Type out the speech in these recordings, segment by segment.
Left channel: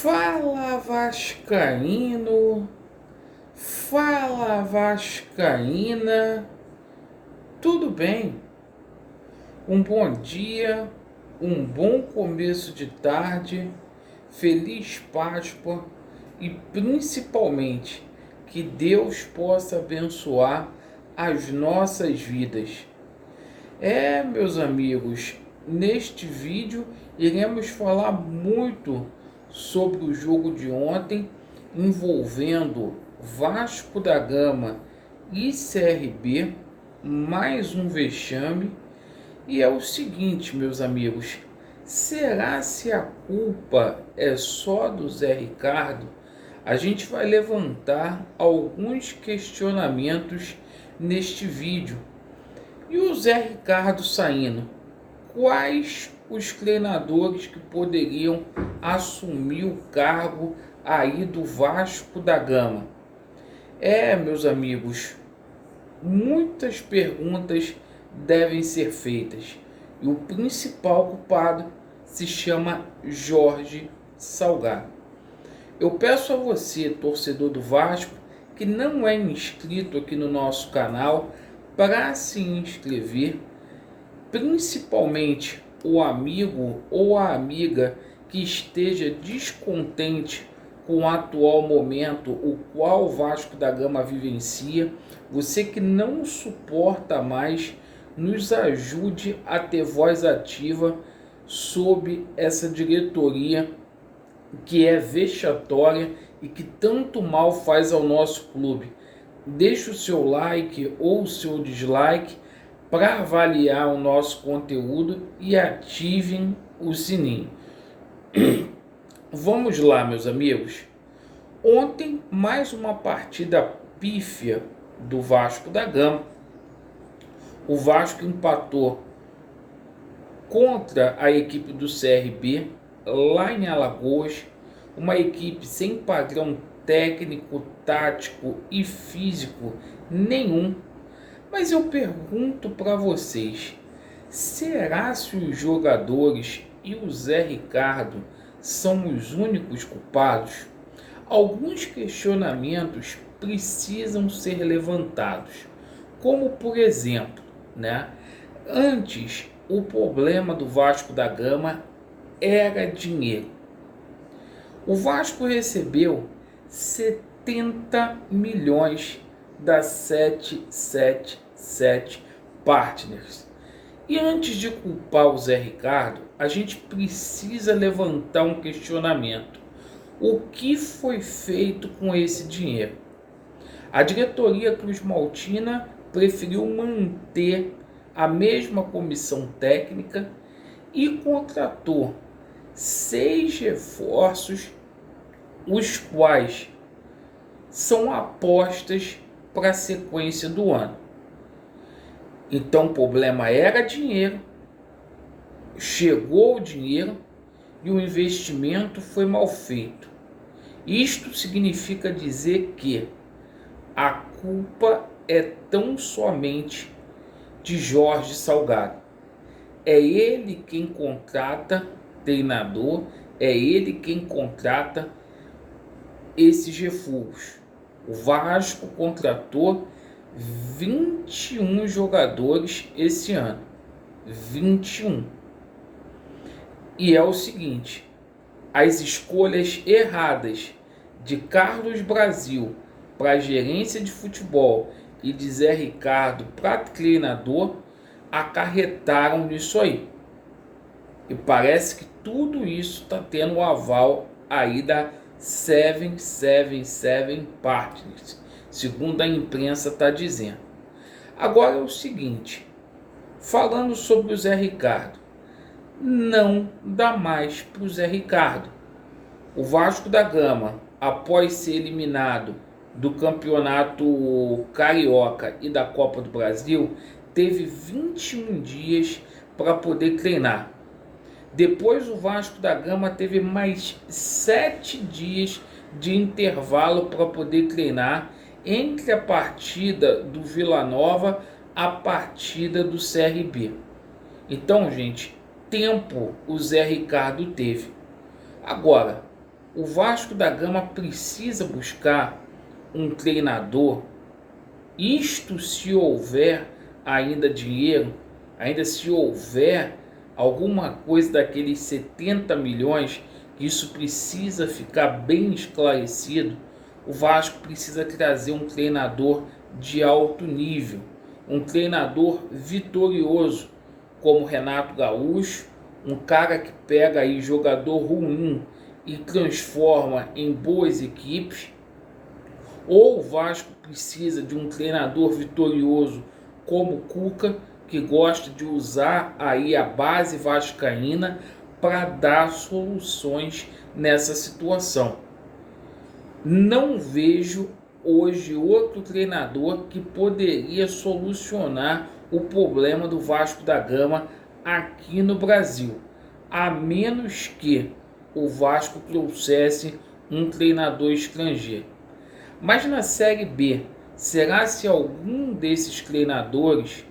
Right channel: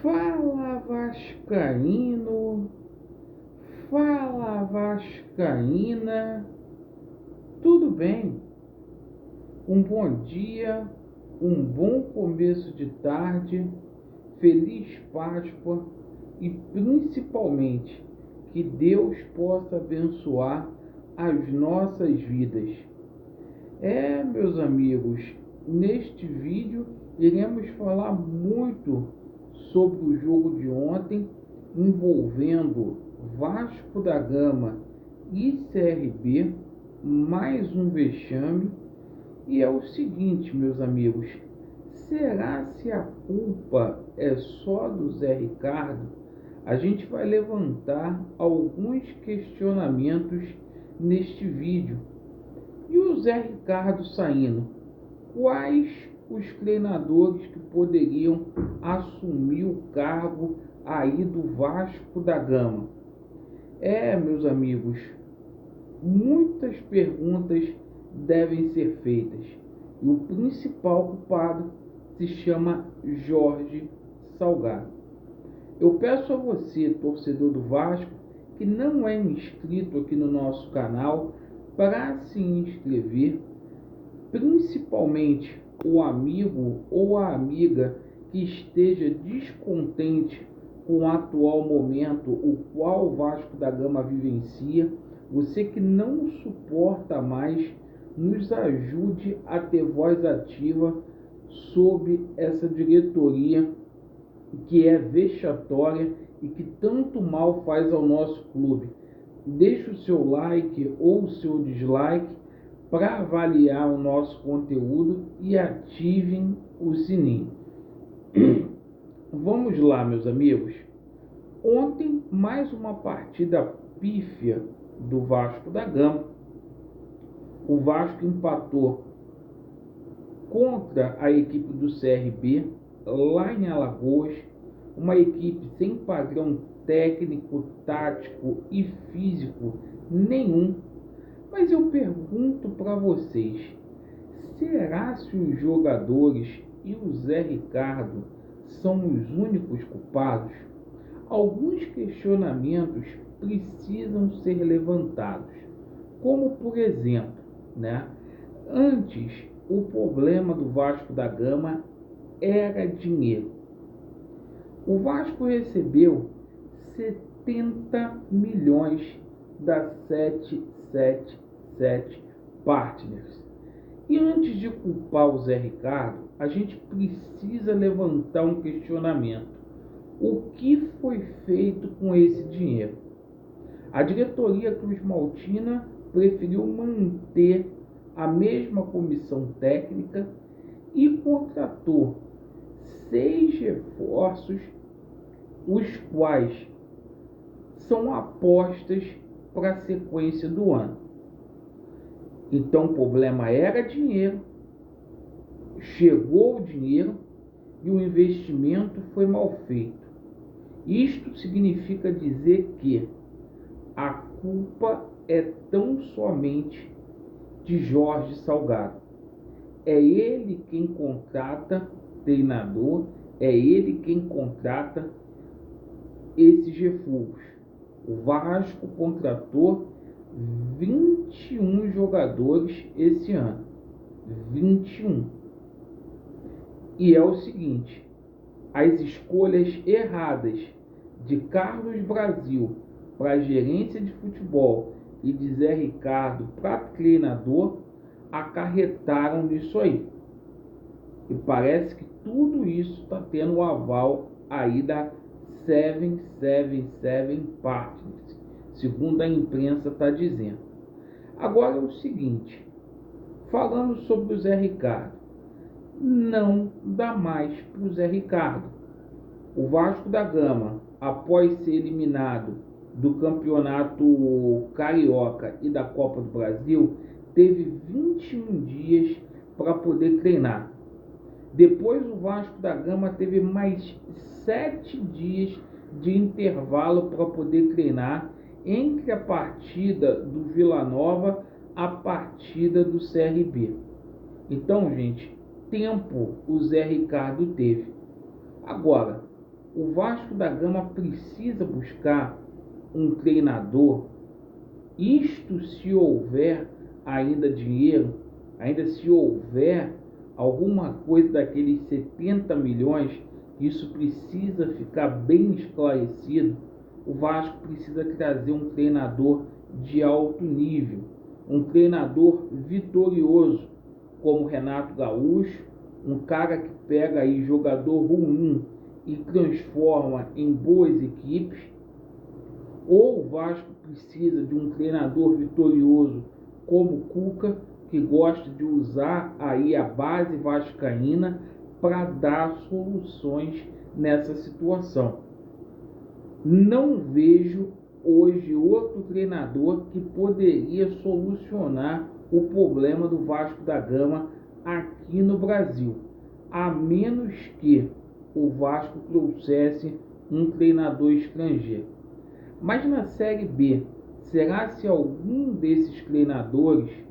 Fala Vascaíno, fala Vascaína, tudo bem? Um bom dia, um bom começo de tarde, feliz Páscoa e principalmente que Deus possa abençoar as nossas vidas. Meus amigos, neste vídeo iremos falar muito sobre o jogo de ontem envolvendo Vasco da Gama e CRB, mais um vexame. E é o seguinte, meus amigos, será se a culpa é só do Zé Ricardo? A gente vai levantar alguns questionamentos neste vídeo. E o Zé Ricardo saindo, quais os treinadores que poderiam assumir o cargo aí do Vasco da Gama? Meus amigos, muitas perguntas devem ser feitas. E o principal culpado se chama Jorge Salgado. Eu peço a você, torcedor do Vasco, que não é inscrito aqui no nosso canal, para se inscrever, principalmente o amigo ou a amiga que esteja descontente com o atual momento o qual o Vasco da Gama vivencia. Você que não suporta mais, nos ajude a ter voz ativa sobre essa diretoria que é vexatória e que tanto mal faz ao nosso clube. Deixe o seu like ou o seu dislike para avaliar o nosso conteúdo e ativem o sininho. Vamos lá, meus amigos. Ontem, mais uma partida pífia do Vasco da Gama. O Vasco empatou contra a equipe do CRB, lá em Alagoas, uma equipe sem padrão técnico, tático e físico nenhum. Mas eu pergunto para vocês, será se os jogadores e o Zé Ricardo são os únicos culpados? Alguns questionamentos precisam ser levantados, como por exemplo, antes o problema do Vasco da Gama era dinheiro. O Vasco recebeu 70 milhões da 777 Partners. E antes de culpar o Zé Ricardo, a gente precisa levantar um questionamento. O que foi feito com esse dinheiro? A diretoria cruzmaltina preferiu manter a mesma comissão técnica e contratou 6 reforços, os quais são apostas para a sequência do ano. Então o problema era dinheiro, chegou o dinheiro e o investimento foi mal feito. Isto significa dizer que a culpa é tão somente de Jorge Salgado. É ele quem contrata treinador, é ele quem contrata esses refugos. O Vasco contratou 21 jogadores esse ano. 21. E é o seguinte, as escolhas erradas de Carlos Brasil para a gerência de futebol e de Zé Ricardo para treinador acarretaram nisso aí. E parece que tudo isso está tendo o aval aí da 777 Partners, segundo a imprensa está dizendo. Agora é o seguinte, falando sobre o Zé Ricardo, não dá mais para o Zé Ricardo. O Vasco da Gama, após ser eliminado do Campeonato Carioca e da Copa do Brasil, teve 21 dias para poder treinar. Depois o Vasco da Gama teve mais 7 dias de intervalo para poder treinar entre a partida do Vila Nova a partida do CRB. Então, gente, tempo o Zé Ricardo teve. Agora, o Vasco da Gama precisa buscar um treinador, isto se houver ainda dinheiro, ainda se houver alguma coisa daqueles 70 milhões, isso precisa ficar bem esclarecido. O Vasco precisa trazer um treinador de alto nível, um treinador vitorioso, como Renato Gaúcho, um cara que pega aí jogador ruim e transforma em boas equipes. Ou o Vasco precisa de um treinador vitorioso como Cuca, que gosta de usar aí a base vascaína para dar soluções nessa situação. Não vejo hoje outro treinador que poderia solucionar o problema do Vasco da Gama aqui no Brasil, a menos que o Vasco trouxesse um treinador estrangeiro. Mas na Série B, será se algum desses treinadores,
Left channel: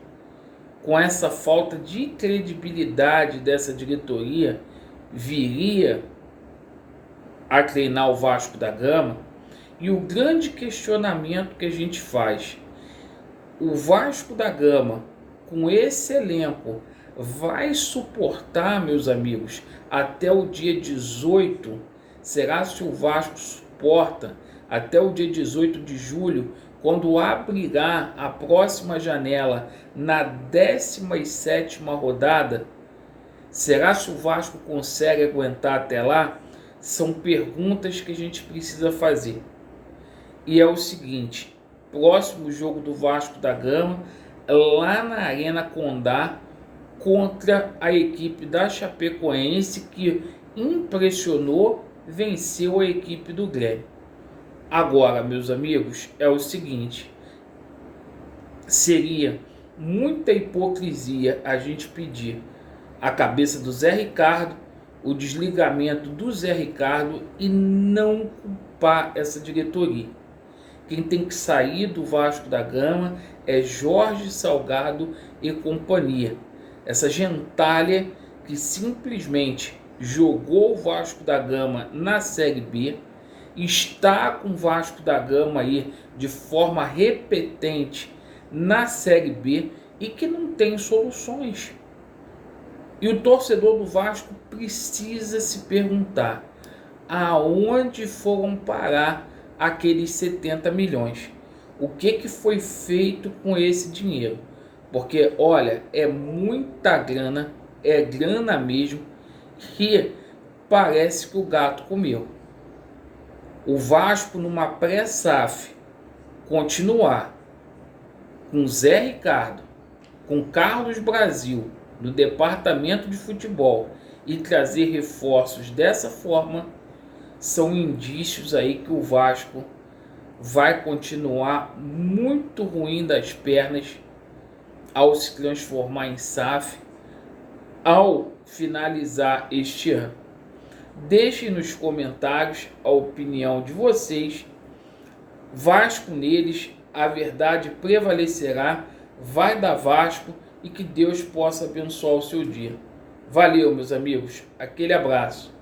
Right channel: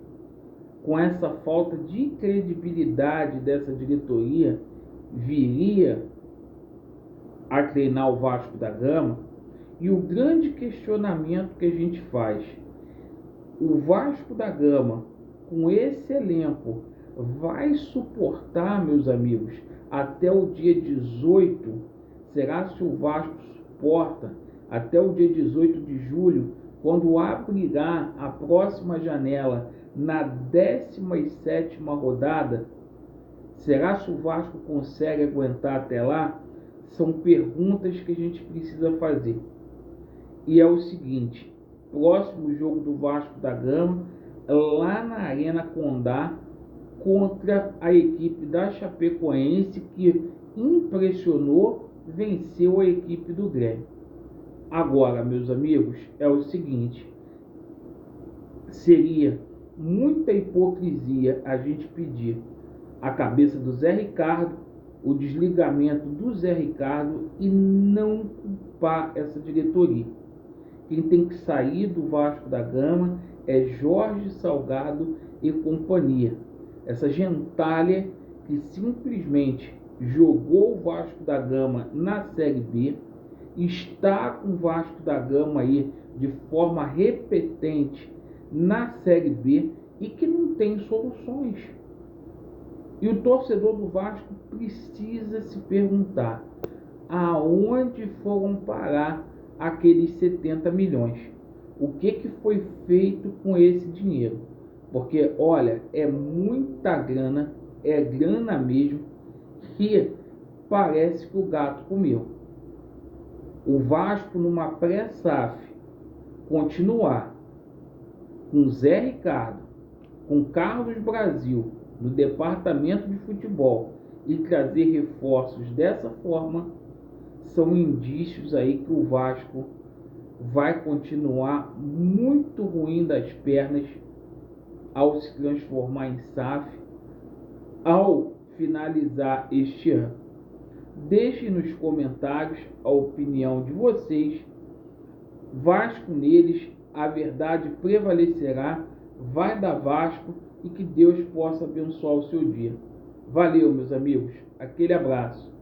com essa falta de credibilidade dessa diretoria, viria a treinar o Vasco da Gama? E o grande questionamento que a gente faz: o Vasco da Gama, com esse elenco, vai suportar, meus amigos, até o dia 18? Será se o Vasco suporta até o dia 18 de julho, quando abrirá a próxima janela na 17ª rodada? Será se o Vasco consegue aguentar até lá? São perguntas que a gente precisa fazer. E é o seguinte: próximo jogo do Vasco da Gama, lá na Arena Condá, contra a equipe da Chapecoense, que impressionou, venceu a equipe do Grêmio. Agora, meus amigos, é o seguinte: seria muita hipocrisia a gente pedir a cabeça do Zé Ricardo, o desligamento do Zé Ricardo, e não culpar essa diretoria. Quem tem que sair do Vasco da Gama é Jorge Salgado e companhia. Essa gentalha que simplesmente jogou o Vasco da Gama na Série B, está com o Vasco da Gama aí de forma repetente na Série B e que não tem soluções. E o torcedor do Vasco precisa se perguntar: aonde foram parar aqueles 70 milhões? O que foi feito com esse dinheiro? Porque, olha, é muita grana, é grana mesmo, que parece que o gato comeu. O Vasco, numa pré-SAF, continuar com Zé Ricardo, com Carlos Brasil no departamento de futebol e trazer reforços dessa forma, são indícios aí que o Vasco vai continuar muito ruim das pernas ao se transformar em SAF, ao finalizar este ano. Deixem nos comentários a opinião de vocês. Vasco neles, a verdade prevalecerá, vai dar Vasco, e que Deus possa abençoar o seu dia. Valeu, meus amigos, aquele abraço.